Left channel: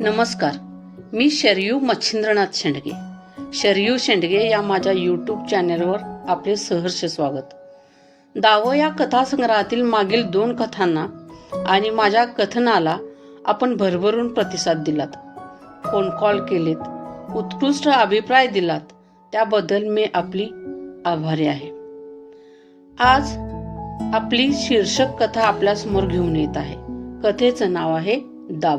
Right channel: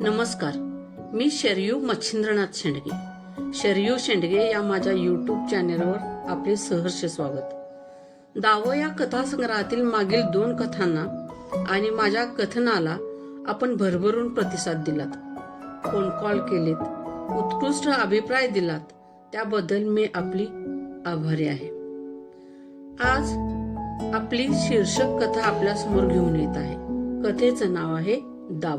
नमस्कार मी शरयू मच्छिंद्रनाथ शेंडगे. शरयू शेंडगे या माझ्या यूट्यूब चॅनेलवर आपले सहर्ष स्वागत. दावं या कथासंग्रहातील मागील दोन कथांना आणि माझ्या कथनाला आपण भरभरून प्रतिसाद दिलात. फोन कॉल केलेत उत्कृष्ट अभिप्राय दिलात त्याबद्दल मी आपली आभारी आहे. आज आपली शीर्षक कथा आपल्यासमोर घेऊन येत आहे. कथेचं नाव आहे दाव.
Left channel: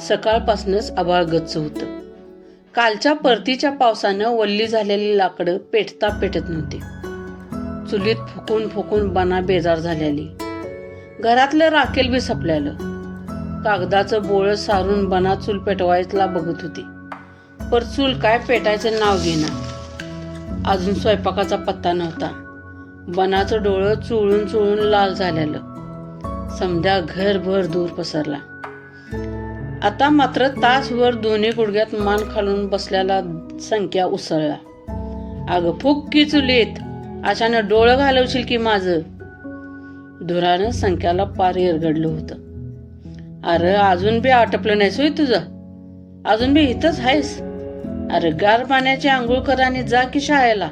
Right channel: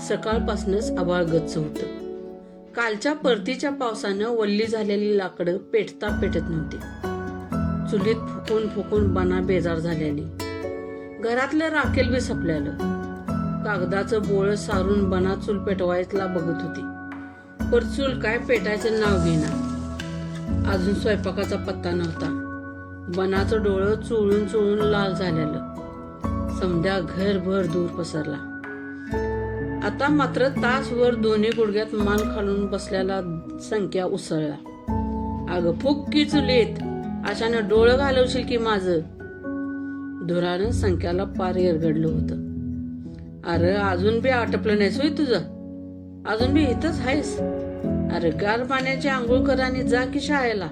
सकाळपासूनच आभाळ गच्च होत. कालच्या परतीच्या पावसानं वल्ली झालेली लाकडं पेटता पेटत नव्हती. चुलीत फुकून फुकून बना बेजार झालेली. घरातलं राखेल बी सपल्यालं. कागदाचं बोळ सारून बना चूल पेटवायला बघत होती. पर चूल काय पेटायचं नाव घेना अजून स्वयंपाकाचा पत्ता नव्हता. बनाचं डोळं चुळून चुळून लाल झालेलं. समध्या घरभर दूर पसरला. आता मात्र तासभर दोन्ही गुडघ्यात मान खालून बसल्याला संख्या उसळला. अगं फुक की चुलीत. अशानं डोळं घालवशील की माझं? धुरानं संख्याला पार एरगडलं होतं. अरे अजून बी आटपलं नाहीस होय तुझं? अजून बी इथंच आहेस अरे गार पाण्याची आंघोळ कर आणि जा की शाळेला.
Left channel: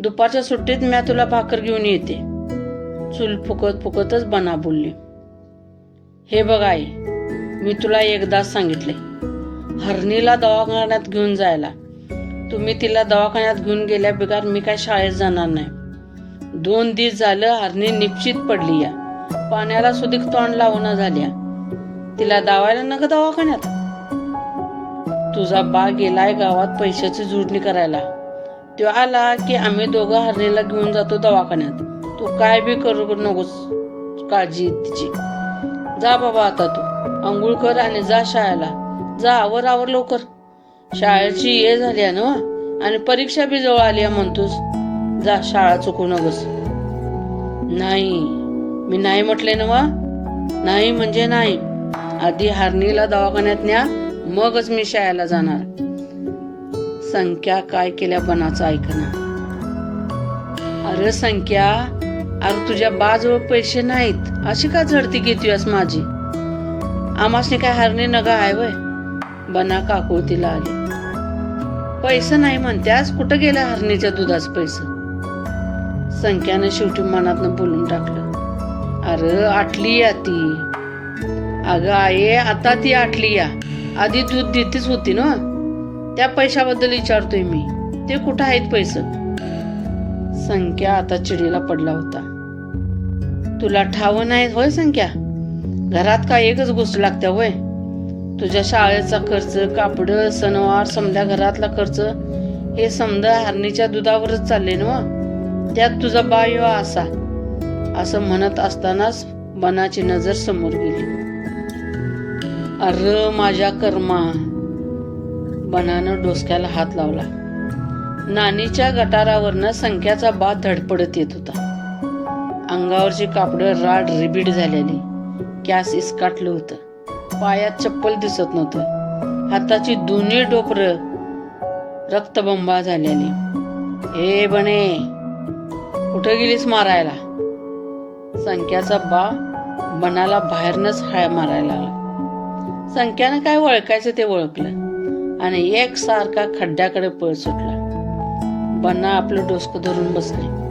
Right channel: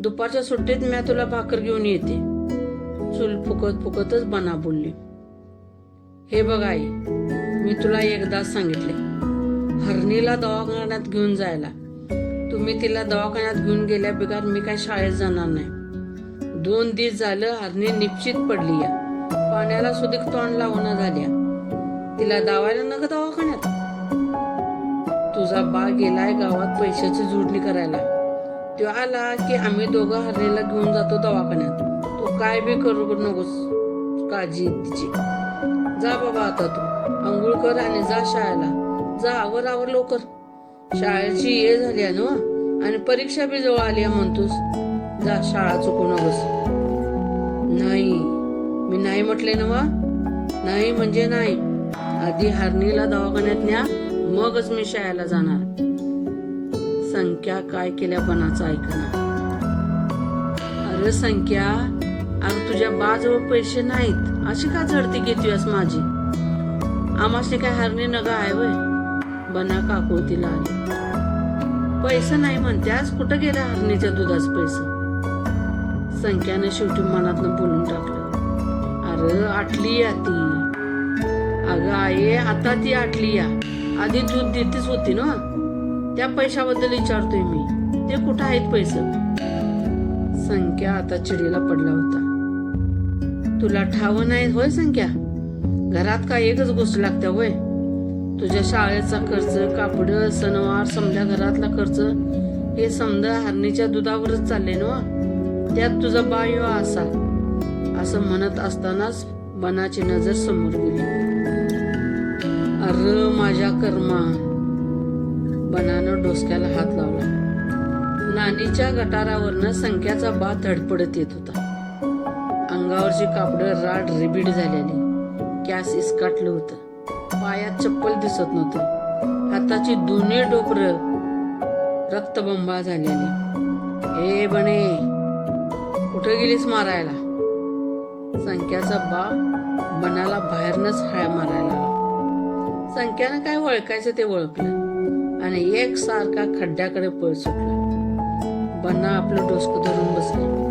दुपारच्या सुट्टीत मी तुला भाकर घेऊन येते. चूल फुकत फुकतच बना बोलली. हे बघ आई मी तुला एकदाच सांगितले हरणीला दवाखान्यात घेऊन जायला. तुम्ही तिला दवाखान्यात घेऊन गेल्या बिगार मी काय शाळेत जाणार नाही. दोन दिवस झालं हरणी निश्चित पडली या. पाण्याला सुधीक तोंड लावणं झाल्या. तिला दावायला नका दवाखान्यात. तुझा बा गेलाय गावात पैशाची जुडणी करायला. तो आला की आम्ही दोघं हरणीला घेऊन जातो दवाखान्यात. तू काय बी करू नकोस काळजी तिची. जा बाबा आता तू. आंघोळ कर आणि जा शाळेला. जा आवर आवर लवकर. शाळेची ये झाली आहे ना आणि परीक्षा बी जवळ आली आहे म्हणतोस. जा शाळा चुकू नकोस. नाही. मी नाही म्हटले ना वा? नाही म्हणजे नाही. आधी हारणीला दवाखान्यात न्या मगच मी शाळेला जाणार. संख्या काय केल्या बनाचं ऐकणार अरे संख्या अरे तुझ्या बाजवळ पैसे नाहीत. अशी का झडती घेतोयस माझी? आमासने काय हरणे नगा आहे वय? बना काकुळतीला आले. पैसे नाही म्हणत्यास कुठं गेला हरणीच्या दुधास पैसे? संख्यानं शेवटी मनातनं बोलून टाकलं. अरे आटली या ती. अगं आये आता ती आटली या. आधी दूध देतीच होती ना? त्या पैशाबद्दल विचारतोय मी. ते कुठं आहेत पैसे? संख्या आता चिडीला पडला होता. तुला ठाव नाही होय संख्या? घरात काय एकच गोष्ट लागते होय? तुझ्या शाळेचा खर्च कापड सणवार समजा घरातला खर्च हे समजा हरणीच्या दुधावरच चालले ना त्यात तुझा बायो असा. असं म्हणत असतानाच बनाची नजर समोर गेली. अर माझ्या कर्मा. बनानं डोसक्याला हात लावला. नानीच्या गटारावरनं संख्याचा बा धडपडत येत होता. अंगावरची कापडं राड रिबीड झालेली. कॅस इसकाटलं होतं. पायात चप्पल दिसत नव्हतं. हाताची दोन्ही डोपर रक्तबंबा झालेली. ए बने कुठं गेलीस मारायला? संख्याचा बा बनाला बाहेरनच हाय मारायला आला संख्यानं काय वळखायचं ते ओळखलं आणि एक सारखा खड्ड्याकडे पळ सुटला. बन्ना आपलं डोसकं धरून बसले.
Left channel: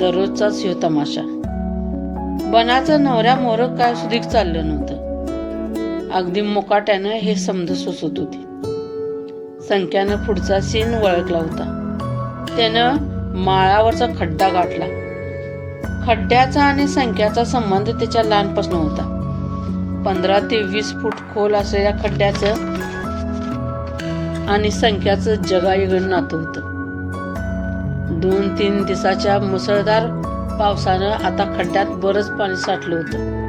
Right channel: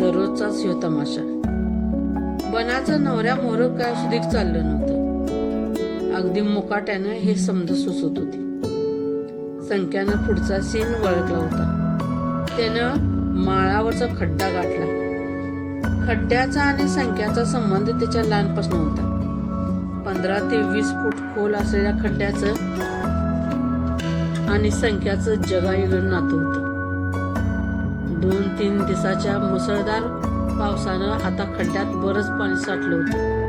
दररोजचाच ह्यो तमाशा. बनाचं नवऱ्या मोर काय सुधीक चाललं नव्हतं. अगदी मुकाट्यानं हे समज सुचत होती. संख्यानं पुढचा सीन वळखला होता. त्यानं माळावरचा खड्डा गाठला. खड्ड्याचा आणि संख्याचा संबंध त्याच्या लहानपासून होता. पंधरा ते वीस फूट खोल असलेल्या खड्ड्याचं आणि संख्याचं जगायगण नातं होतं. दोन तीन दिवसाच्या मुसळधार पावसानं आता खड्ड्यात बरंच पाणी साठलं होतं.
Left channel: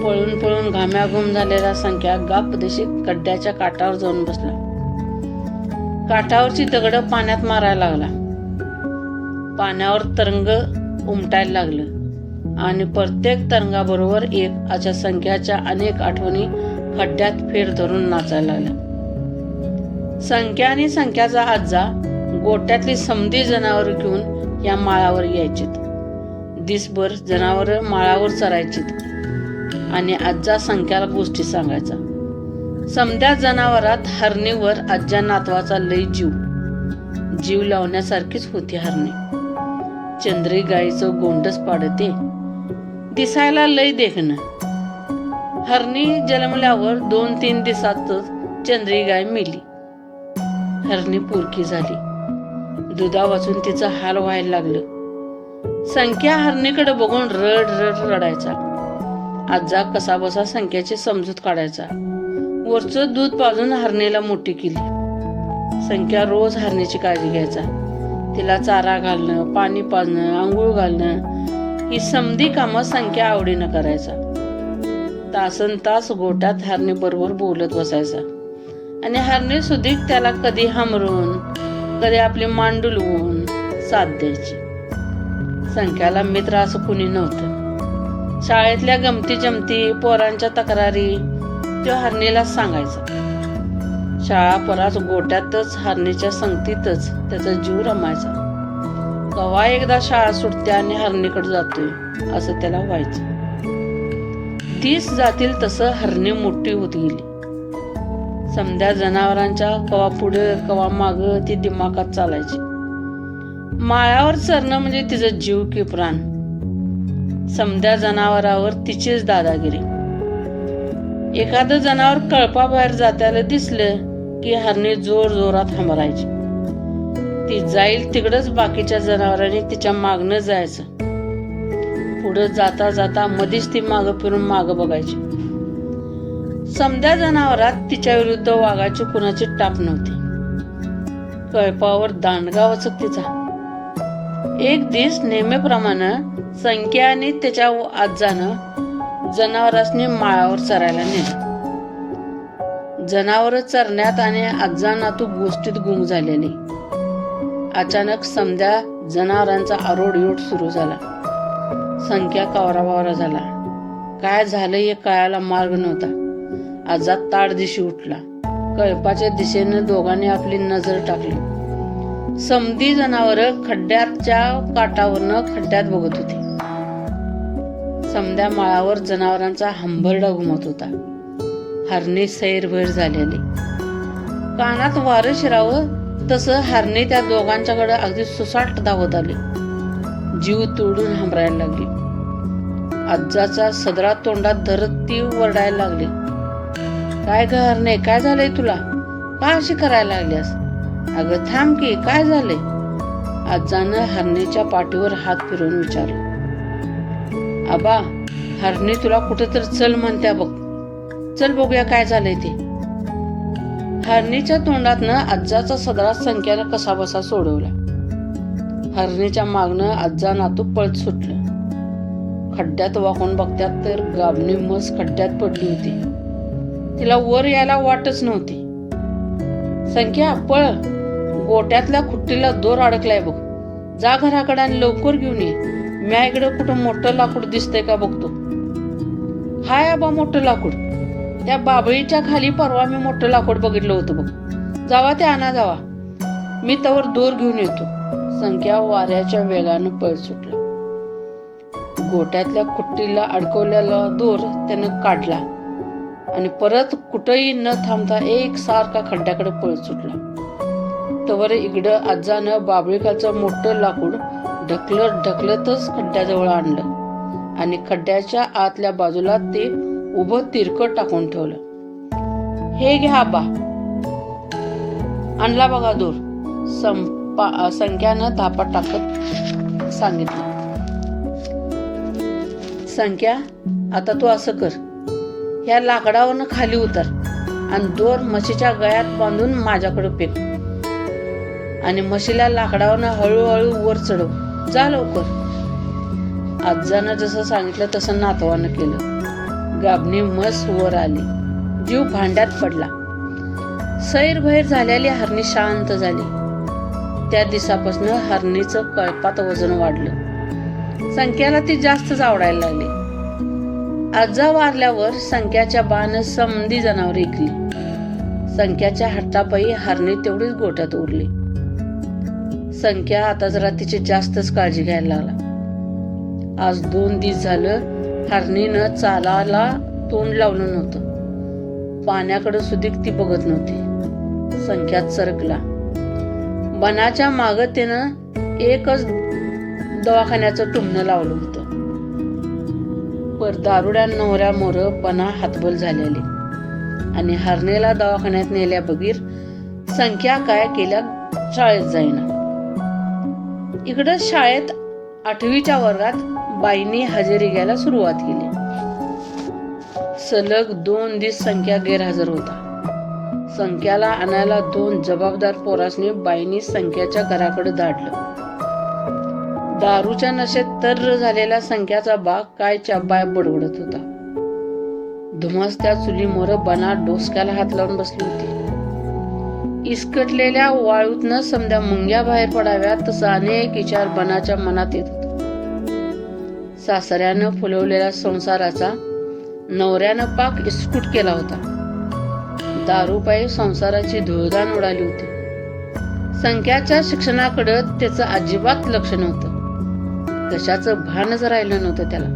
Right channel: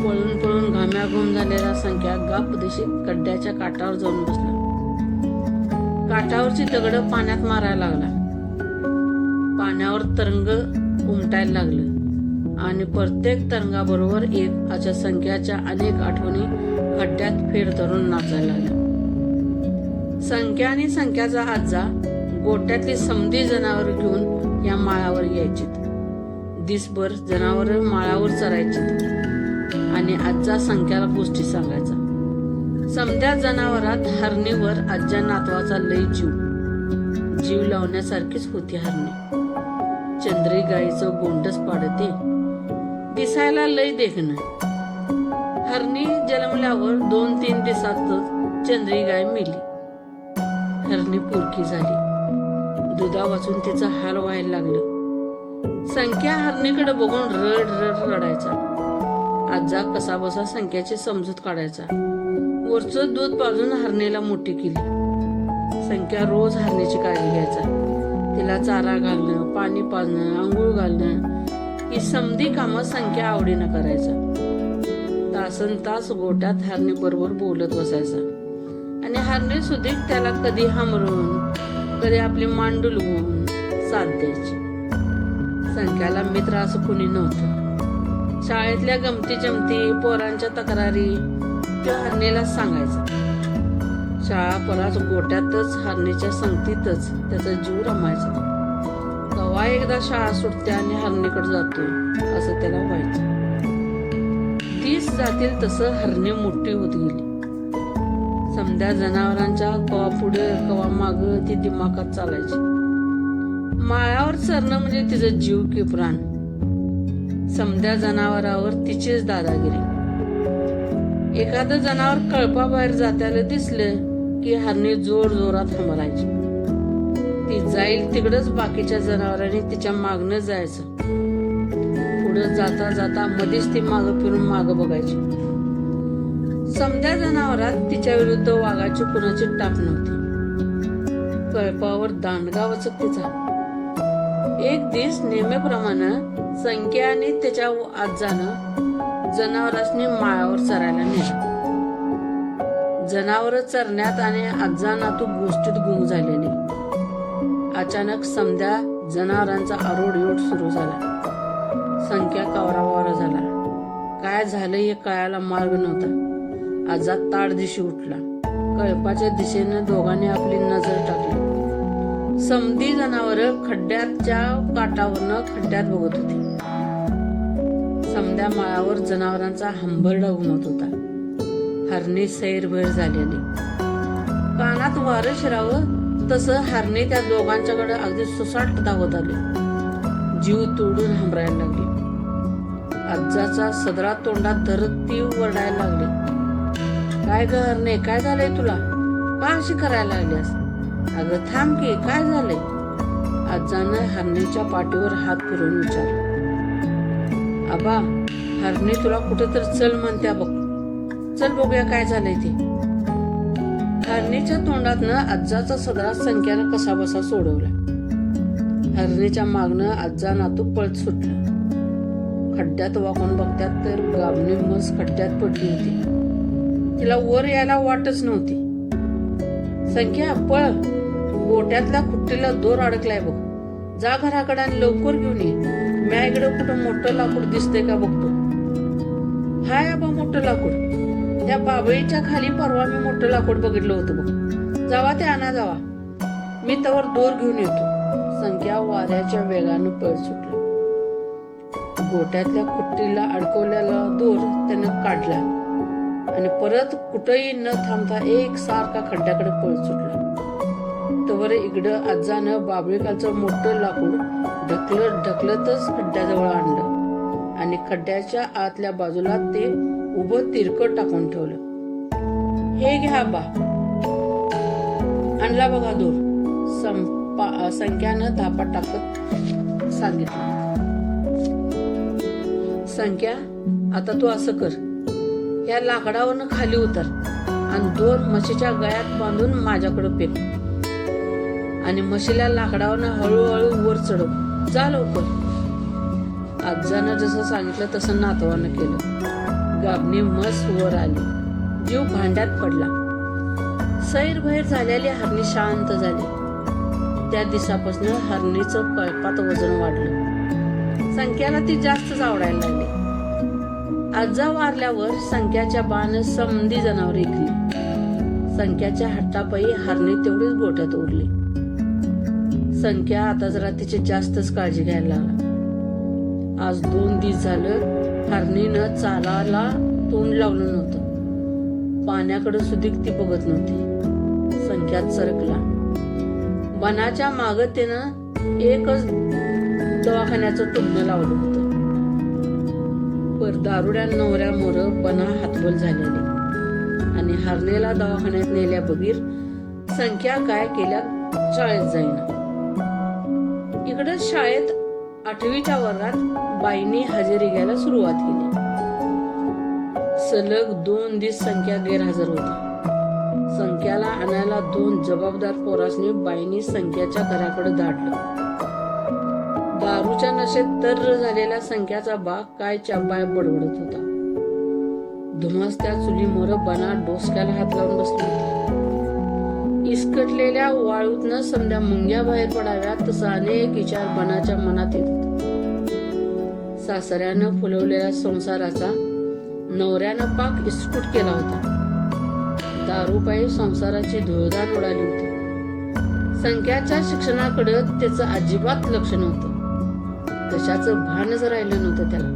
पळून पळून घाम्याघूम झालेला संख्या गापदेशी खड्ड्याच्या काठावर जाऊन बसला काठावरची दगड पाण्यात मारायला लागला पाण्यावर तरंग उमटायला लागलं. आणि प्रत्येक तरंगाबरोबर एक अशा संख्याच्या अनेक आठवणी खड्ड्यात फेर धरून नाचायला लागल्या. संख्या आणि संख्याचा आजा गोट्यातली समधी जनावर घेऊन या माळावर यायचीत. दिसभर जनावर माळावर चरायचीत. आणि आज्जा संख्याला गोष्टी सांगायचा. समध्या जनावरात हरणीवर आज्या नातवाचा लय जीव. जीव लावण्यासारखीच होती हरणी. चंद्री गायीचं गोंडस पाडते. दिसायला लय देखणं. हरणी जन्मल्यावर दोन तीन दिवसातच चंद्री गाय मेली. हरणी पुरकी झाली. दुधा वाचून तिचं हाल व्हायला लागलं. संख्या हरणीकडे बघून रड रड रडायचा. आजा कसा बसा संख्याची समजूत काढायचा. वरचं दूध पाजून हरणीला मोठी केली. संख्या रोज हरणीची काळजी घ्यायचा. तिला चारा घालणं पाणी पाजणं आंघोळ घालणं ही समधी कामं संख्या आवडीनं करायचा. तासन तास गोट्यात हरणी बरोबर बोलत बसायचा. आणि हरणी सुधीक त्याला कधी हमरून कधी आपली मांडुलवून साथ द्यायची. संख्याला मित्र असं कुणी नव्हतं. शाळेतल्या गमती जमती पोरांच्या तक्रारी तो हरणीला सांगायचा. शाळा पराच गोट्यातच हरणीच्या संगतीतच त्याचा जीव रमायचा. कवा एकदा शाळा सुटते आणि हरणीकडे जातोय असं त्याला व्हायचं. तीस जातील तसं हरणी मोठी होत गेली. समध्या जनावरांच्या कवा पुढे कवा माग ती दिमागात चालायची. माळ्यावर चरणं म्हणजे तिचं जीव की प्राण. समध्या जनावरावर तिचीच दादागिरी. एखादं जनावर कळपाबाहेर जात्याला दिसलं की हरणी जोर जोरात हमरायची. ती जाईल तिकडच बाकीच्या जनावरांनी तिच्या मागणं जायचं. पुढं जाता जाता मधीच ती माग फिरून माग बघायची. समध्या जनावरात तिच्या विरुद्ध वाघाची कुणाची टाप नव्हती. कळपावर दांडगा वचक तिचा. एक दिस नेहमीप्रमाणे संख्या आणि त्याच्या आजानं जनावरांनी माळावर चरायला नेलं. जनावर चरण्यात आणि आजा नातू गोष्टीत गुंग झालेली. अचानक समध्या जनावरांचा आरोडयोट सुरू झाला. संख्या कावरावावरा झाला. काय झालं हे कळायला मार्ग नव्हता. आजा ताड दिशी उठला. कळपाच्या दिशेनं दोघांनी आपली नजर टाकली. समधी जनावर खड्ड्याच्या काटावरनं खड्ड्यात बघत होती. समध्या माळावर जनावरांचा हंबरडा घुमत होता. हरणे सैरभैर झालेले. कानात वारं शिरावं तसं हरणे त्या दोघांच्याकडे अगदी सुसाट धावत आली. जीव तोडून हंबरायला लागली. आज्जाचा सदरा तोंडात धरत ती वरडायला लागली. काय ग हरणे काय झालंय तुला? का अशी करायला लागल्यास? अगं थांब की काय झालंय? आजानं हरणीच्या पाठीवर हात फिरवून विचारलं आबा हरणी तुला कुठं तर चल म्हणत्या बघ. चल बघूया काय झालंय ते. हरणीच्या तोंडातनं आजाचा सदरा संख्यानं कसा बसा सोडवला. हरणीच्या मागनं आजा नातू पळत सुटलं. खड्ड्यात वाकून बघत्यात तर गाबणी मस खड्ड्यात पडली होती. तिला वर यायला वाटच नव्हती. संख्या पळ. गोट्यातल्या खुट्टीला दोर अडकलाय बघ. जा घराकडे आणि लवकर घेऊन ये. म्या इकडं कुठं मोठं लाकूड दिसतंय का बघतो. हाय आबा मोठं लाकूड. त्या बाबळीच्या खाली परवा मी मोठं लाकूड बघितलं होतं बघ. जावा ते आणा जावा. मी त्यावर दोर घेऊन येतो. संख्या वाऱ्याच्या वेगानं पळ सुटला. गोट्यातल्या खुट्टीला अडकवलेला दोर त्यानं काढला. आणि परत कुठंही न थांबता एक सारखा खड्ड्याकडे पळत सुटला. तवर इकडं आजानं बाबळीकाचं मोठं लाकूड ढकलत ढकलतच खड्ड्याजवळ आणलं आणि खड्ड्याच्या आतल्या बाजूला ते उभं तिरकट टाकून ठेवलं. हे घ्या बा. आणला बघा दूर. संपा संख्यानं धापा टाकत सांगितलं. संख्या आता तू असं कर. ह्या लाकडावरनं खाली उतर आणि दोन म्हशीच्या गळ्यात बांधून माझ्याकडे फेक. आणि म्हशीला लाकडावरनं हळूहळू वर चढव. जा लवकर. आजानं जसं सांगितलं तसं नातवानं केलं. गाबणी मस वर आली. जीव भांड्यात पडला. सैरभैर झालेली हरणी शांत झाली. त्या दिवसापासून हरणीचं कळपात वजन वाढलं. संख्याला ती जास्तच आवडायला लागली. आजा वारल्यावर संख्याच्या बाण समधी जनावर ऐकली. संख्याच्या हातापायी हरणी तेवढीच गोठ्यात उरली. संख्या आता जरा तिची जास्तच काळजी घ्यायला लागला. आज दोन दिवस झालं हरणीनं चालाला तोंड लावलं नव्हतं. पाण्याकडे सुधीक ती बघत नव्हती. संख्यात सरकला बनाच्या माग एकच दवाखान्याचं टुमणं लावलं. होतं पर दारुड्या नवऱ्या मोर पणा हातबोल झालेले. आणि हरणेला दवाखान्यात नेल्या बगीर संख्या काय केल्या शाळेत जाईना. इकडं शाळेत आठवीच्या वर्गात बाईंनी हजेरी घ्यायला सुरुवात केली. सलग दोन दिस संख्या गैरहजर होता. संख्याला आणायला दोन जबाबदार पोरासनी बाईंनी संख्याच्या घराकडे धाडलं दारूच्या नशेत तर्र झालेला संख्याचा बाग काय चाबाय बडबडत होता. धुमसत्या चुलीमोर बना डोसक्याला हात लावून बसली होती. इस्कटलेल्या वाळूतनं समध्या मुंग्या बाहेर पडाव्या तसा अनेक विचार बनाच्या मनात येत होता. सासऱ्यानं फुलवलेल्या संसाराचा नवऱ्यानं पाक इस्कूट केला होता. दारूपायी संसाराची धुळदान उडाली होती. संख्याच्या शिक्षणाकडे त्याचं अजिबात लक्ष नव्हतं. कशाचं भानच राहिलं नव्हतं त्याला.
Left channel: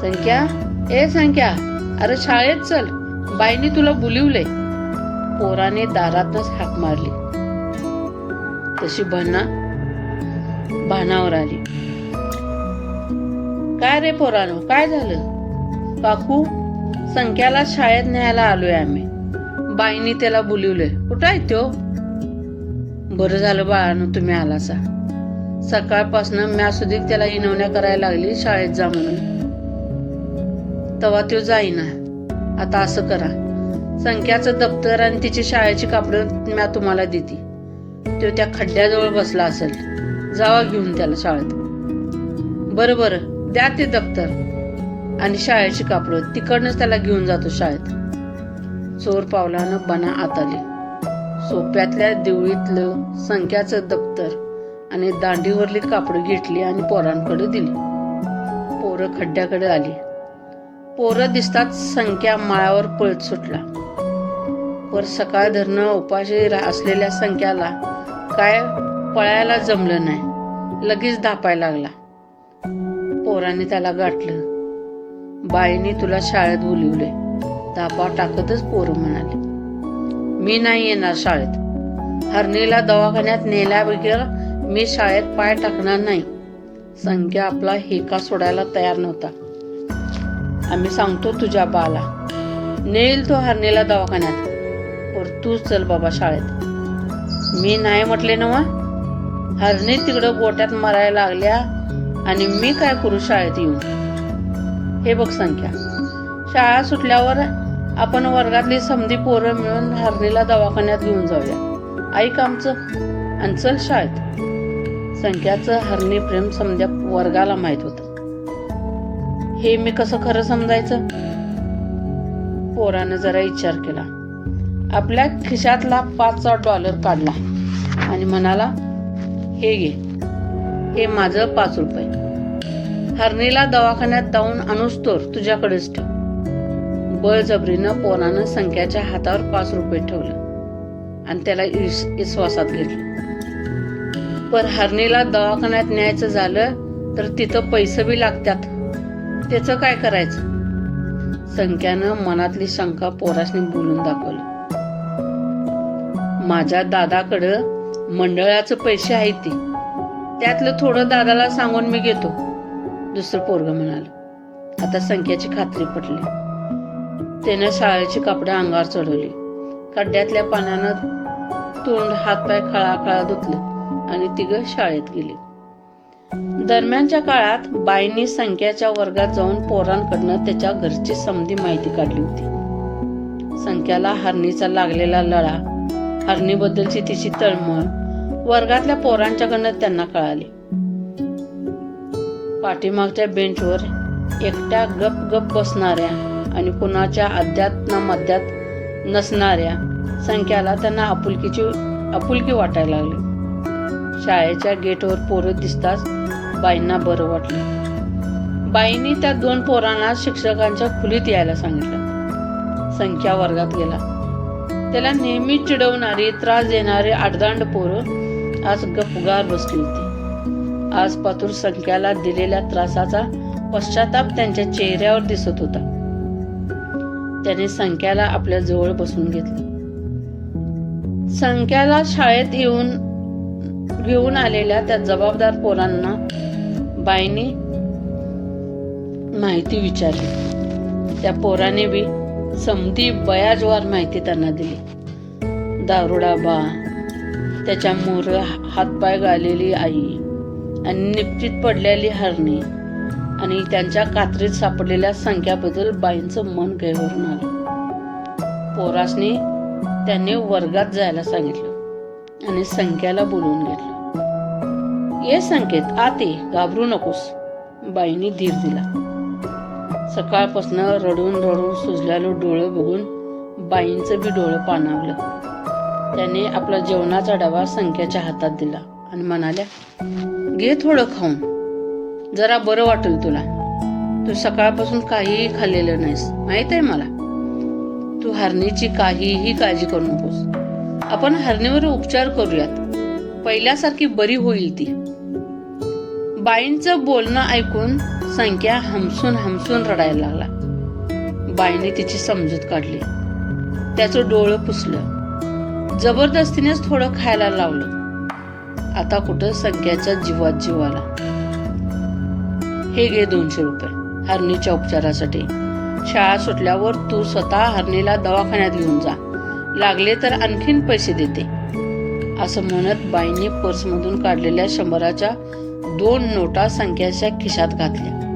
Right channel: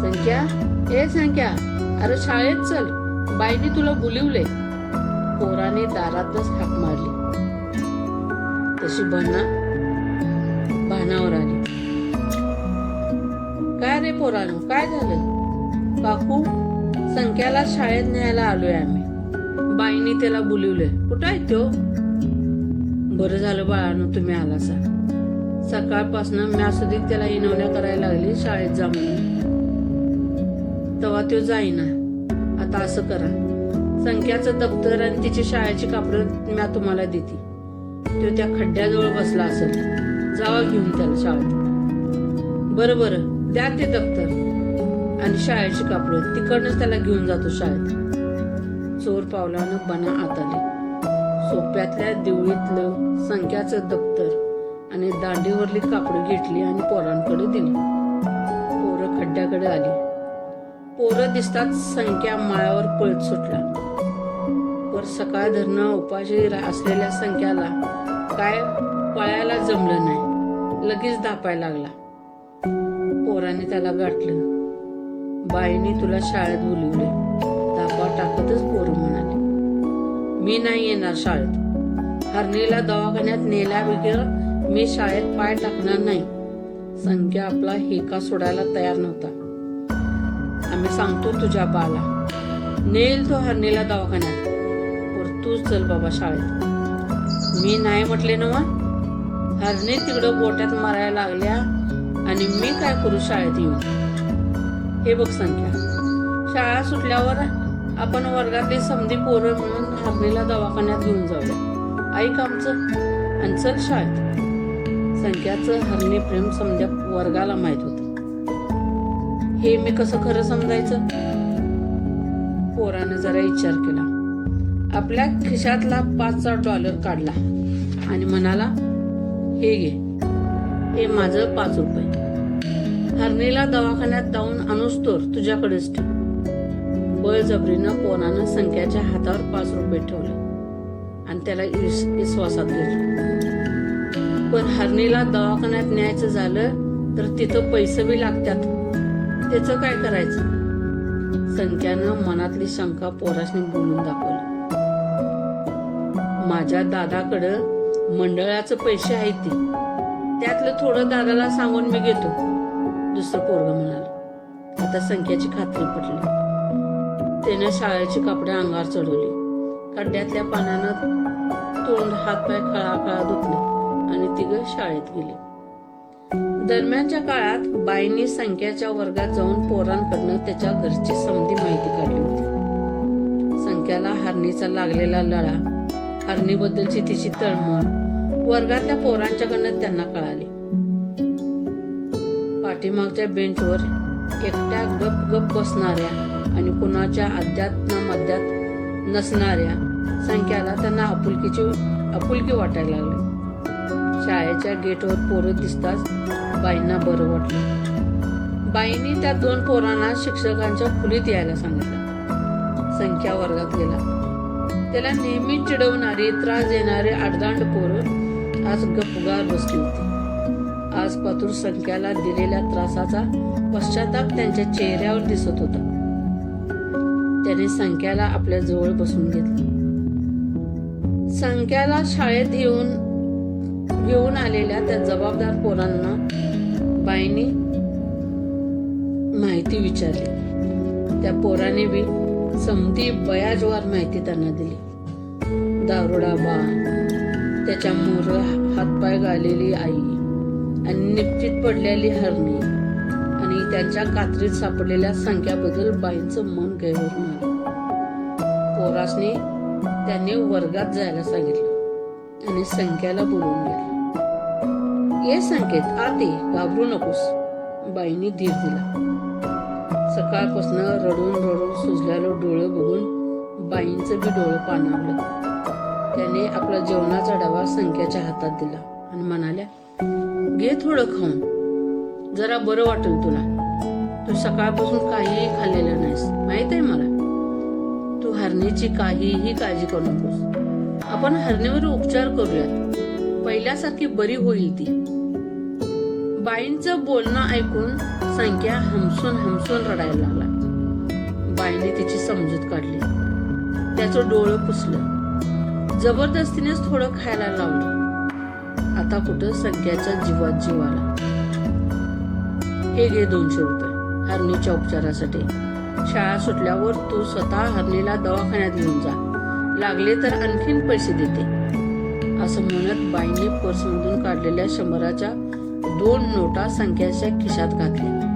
संख्या? ए संख्या अरे शाळेत चल. बाईनी तुला बोलिवले पोराने दारातच हाक मारली. तशी बना भानावर आली. काय रे पोरानो काय झालं? काकू संख्याला शाळेत न्यायला आलोय आम्ही. बाईनी त्याला बोलिवलंय. कुठं आहे तो बरं झालं बाळानो तुम्ही आलासा. सकाळपासनं म्या सुधीक त्याला इनवण्या करायला लागली शाळेत जा म्हणून. तवा तो जाईना. आता असं करा. संख्याचं दप्तर आणि तिची शाळेची कापडं म्या तुम्हाला देते. तो त्या खड्ड्याजवळ बसला असेल. जावा घेऊन त्याला शाळेत. बरं बरं. द्या ते दप्तर. आणि शाळेची कापडं. तिकडनंच त्याला घेऊन जातो शाळेत. चोर पावलानं बना आत आले. सोप्यातल्या देवळीतलं संख्याचं दप्तर. आणि दांडीवरली कापडं घेतली आणि पोरांकडे दिली. पोरं खड्ड्याकडे आली. पोरं दिसतात संख्या माळावर पळत सुटला. वर सकाळ धरणं उपाशी रा- असलेल्या संख्याला काय पळायला जमलं नाही. लगेच धापायला लागला. पोराने त्याला गाठलं. बाईनी तुला शाळेत बोलिवले. धापा टाकतच पोरं म्हणाले. मी नाही येणार शाळेत. हरणीला दवाखान्यात नेल्या वगैरे मी शाळेत पाय टाकणार नाही. संख्या आपला हेका सोडायला तयार नव्हता. आम्ही सांगतो तुझ्या बाला. नेईल तो हरणीला दवाखान्यात. पर तूच चल बाबा शाळेत. मी नाही म्हटले ना हरणी तिकडं गोट्यात मरायला लागल्या आणि मी काय करू शाळेत येऊन? हे बघ संख्या शाळा सुटल्यावर आपण वर्गातली समधी पोरं मिळून हरणीला दवाखान्यात घेऊन जाऊया. ऐक आमचं आणि चल शाळेत. संख्याचं हरणी प्रेम समध्या वर्गाला माहीत होत. हे मी कसं खरं समजायचं? पोरानं जरा विचार केला. आपल्या खिशातला पाचचा डॉलर काढला आणि म्हणाला हे घे. हे माझं पाच रुपये. हरणीला दवाखान्यात जाऊन अनुस्तोर तुझ्याकडेच ठेव. बळजबरीनं पोरानं संख्याच्या हातावर पाच रुपये ठेवलं आणि त्याला इस- विश्वासात घेतलं. पण हरणीला दवाखान्यात न्यायचं झालं तर तिथं पैसे बी लागतात. त्याचं काय करायचं? संख्यानं मनातली शंका पोरासनी बोलून दाखवली. माझ्या दादाकडं मंडळाचं पैसे आहेत ती. त्यातलं थोडं दादाला सांगून मी घेतो. दुसरं पोरग म्हणाल. आता संख्याची खात्री पटली. त्यानं शाळेची कपडे अंगावर चढवली. खड्ड्यातल्या पाण्यानं तोंड हातपाय खळाखळा धुतलं धुतले. आणि तिघ शाळेत गेली. दरम्यानच्या काळात बाईंनी संख्याच्या वर्गात जाऊन पोरांकडनं त्याच्या घरची समधी माहिती काढली होती. संख्याला हरणीचा लागलेला लळा हरणीबद्दलची तिची तळमळ वर्गातल्या पोरांच्याकडनं त्यांना कळाली. पाठीमागच्या बेंचवर एकट्या गप गप बसणाऱ्या आणि कुणाच्या अध्यात मध्यात नसणाऱ्या संख्याला त्यांना आपुलकीची आपुलकी वाटायला लागली. शाळेच्या गेटवर पोरं दिसताच बाईंना बरं वाटलं. बाईंनी त्या दोन पोरांना शिक्षकांच्या खुलीत यायला सांगितलं. संख्या वर्गात गेला. त्याला नेहमी चिडवणारी त्रास देणारी आडदांड पोरं आज गपगार बसली होती. आज पातूर संख्याला दिलेल्या त्रासाचा पश्चाताप त्यांच्या चेहऱ्यावर दिसत होता. त्याने संख्याला आपल्या जवळ बसून घेतलं. संख्याला शाळेत येऊन घेऊन आलेल्या त्या जबाबदार पोरांना बाईंनी माहिती विचारली. त्या पोराने बी समधी बयाजवार माहिती त्यांना दिली. दारुडा बा त्याच्या मोर हातपाय गालेली आई आणि निपटीत पडलेली हरणी आणि त्यांच्या कात्रीत सापडलेल्या संख्याबद्दल बाईंचं मन गैवरून आलं. पोरासने त्यांनी वर्गात जायला सांगितलं आणि संख्याला बोलवून घेतलं. ये संकेत आते घाबरू नकोस. बाईंनी धीर दिला. सकाळपासून रडून रडून सुजलेलं डोळं बघून बाईंचं बी डोळं पाणावलं. त्याने आपला जेवणाचा डबा संख्याच्या हातात दिला आणि म्हणाल्या घे थोडं खाऊन. जरा बरं वाटेल तुला. तू सकाळपासून काहीही खाल्लेलं नाहीस. माहीत आहे मला? तू हरणीची काहीही काळजी करू नकोस. आपण हरणीवर उपचार करूयात. पहिल्यासारखी बरी होईल ती. बाईंचं बोलणं ऐकून संख्या हमसून हमसून रडायला लागला. बाईंनी तिची समजूत काढली. त्याचं डोळं पुसलं. जबरदस्तीनेच थोडं खायला लावलं. आता कुठं संख्याच्या जीवात जीव आला? हे घे दोनशे रुपये हरणीच्या उपचारासाठी. शाळा सुटल्यावर तू स्वतः हरणीला दवाखान्यात घेऊन जा. लागले तर आणखीन पैसे देते. असं म्हणत बाईंनी पर्समधून काढलेल्या शंभराच्या दोन नोटा संख्याच्या खिशात घातल्या.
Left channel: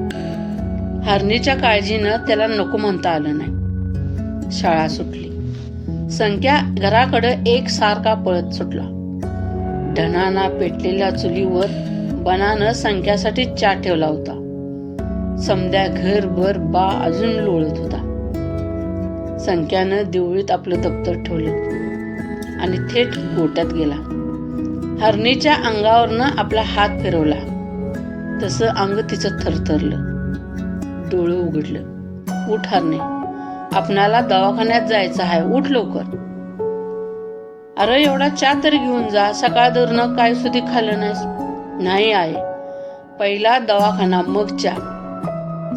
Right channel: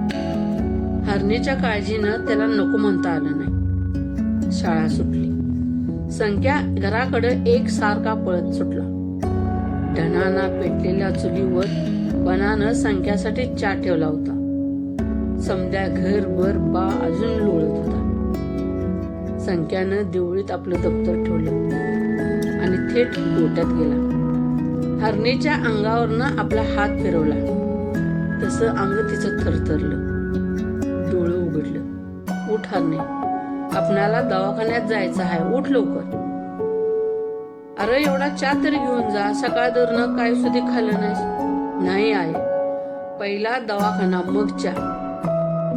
हरणीच्या काळजीनं त्याला नको म्हणता आलं नाही. शाळा सुटली. संख्या घराकडे एक सारखा पळत सुटला. ढणाना पेटलेल्या चुलीवर बनानं संख्यासाठी चा ठेवला होता. समद्या घरभर बा अजून लोळत होता. संख्यानं देवळीत आपलं दप्तर ठेवलं आणि थेट गोट्यात गेला. हरणीच्या अंगावरनं आपला हात फिरवला. तसं अंग तिचं थरथरलं. डोळं उघडलं. उठ हरणे. आपणाला दवाखान्यात जायचं आहे. उठ लवकर. अरे एवढा चा तरी घेऊन जा. सकाळ धरणं काय सुधी खाल्लं नाही आहे पहिला दवाखाना मग चा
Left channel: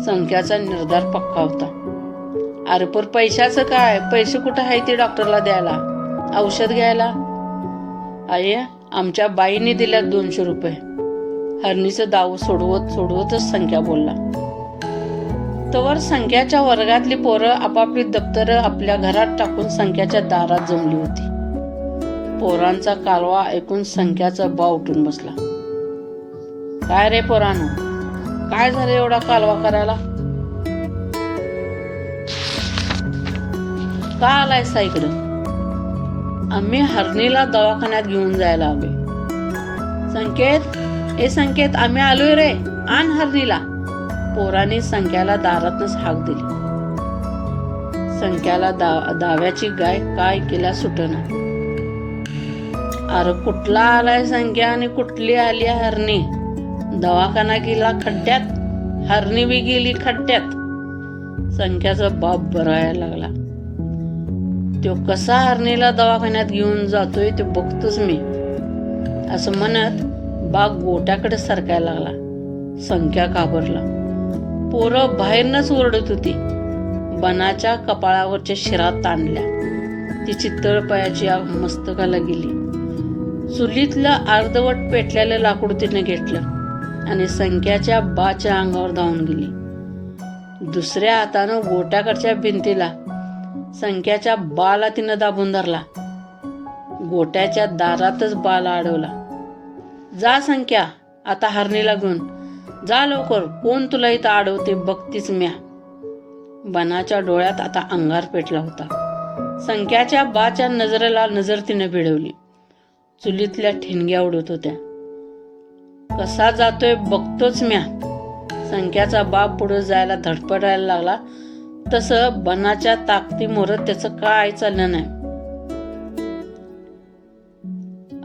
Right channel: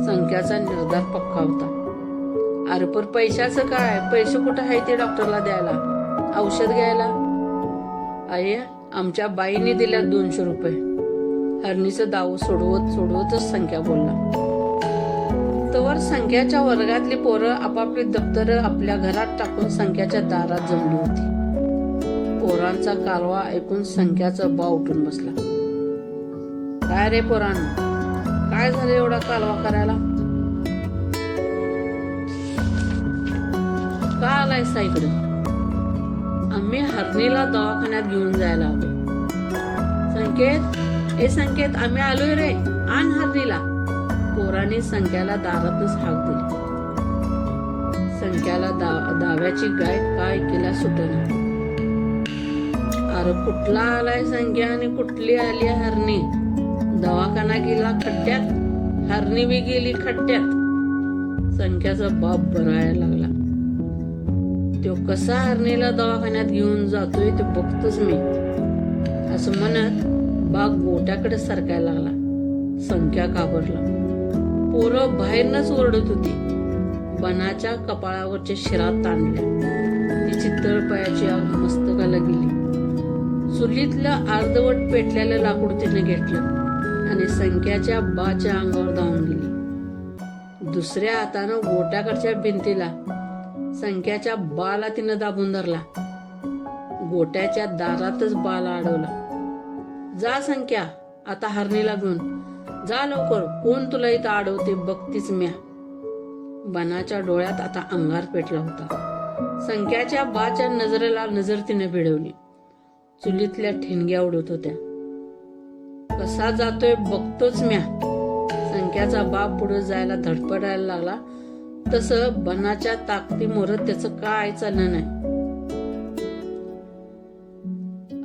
संख्याचा निर्धार पक्का होता. अरे पर पैशाचं काय? पैसे कुठं आहे ते डॉक्टरला द्यायला? औषध घ्यायला? आई आमच्या बाईने दिल्यात दोनशे रुपये. हरणीचं दाव सोडवत सोडवतच संख्या बोलला. तवर संख्याच्या वर्गातली पोरं आपापली दप्तर आपल्या घरात टाकून संख्याच्या दारात जमली होती. पोरांचा कालवा ऐकून संख्याचा बाव उठून बसला. काय रे पोरानं? काय झालं एवढा कालवा करायला? का आलाय सा इकडं? आम्ही हरणीला दवाखान्यात घेऊन जायला आलोय. संकेत हे संकेत आम्ही आलोय रे. आण हरणीला. पोराने संख्याला दारातच हाक दिली. संख्याला दा दाव्याची गाय काय केला सुटना. अरे कुठला आलाय संख्या आणि कुठली आली हरणी? दवाखाना गेला खड्ड्यात. हरणी बी गेली खड्ड्यात. संख्याचा बाप बरायला लागला. तो कसा हरणीला दवाखान्यात घेऊन जातोय ते बघतोच मी. असं म्हणत बाग गोट्याकडे सरकायला लागला. संख्या घाबरला. पोरं बाहेरनच ओरडत होती. बनाच्या कपाळावरच्या शिरात ताणल्या. तिची तळपायाची आग मस्तकाला गेली. चुलीतलं अर्धवट पेटलेलं लाकूड तिने घेतलं आणि संख्याच्या बाच्या अंगावर धावून गेली. दुसऱ्या हातानं गोट्याकडच्या भिंतीला संख्याच्या बाला तिनं दाबून धरला. गोट्याच्या दारातच बाला अडवला. जा संख्या आता हरणी लागून जा लवकर कोण तुला इथं अडवते बघतीच म्या. बनाच्या डोळ्यात आता अंगार पेटला होता. संख्याच्या बाच्या नजरेला नजर तिनं भिडवली. चुलीतल्या ठिणग्या उडत होत्या. कसा जातोय बघतोच म्या. संख्याचा बाप पुढे जायला धडपडायला लागला. तसं बनाच्या ताकदी मोरत त्याचं काय चाललं नाही.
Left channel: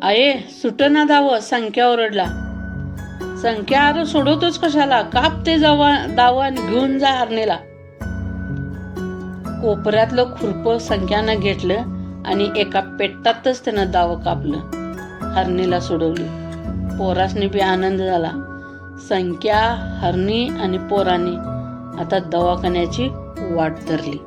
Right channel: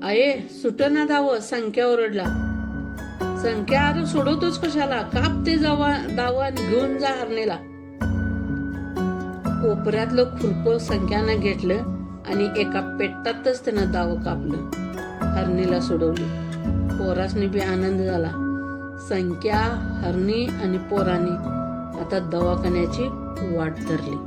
आये सुटना दावं संख्या ओरडला. संख्या अरे सोडवतोच कशाला? काप ते जावा दाव आणि घेऊन जा हरणीला. कोपऱ्यातलं खुरप संख्यानं घेतलं आणि एका पेटातच त्यानं दावं कापलं. हरणीला सोडवली. पोरासने बी आनंद झाला. संख्या हरणी आणि पोरांनी आता दवाखान्याची वाट धरली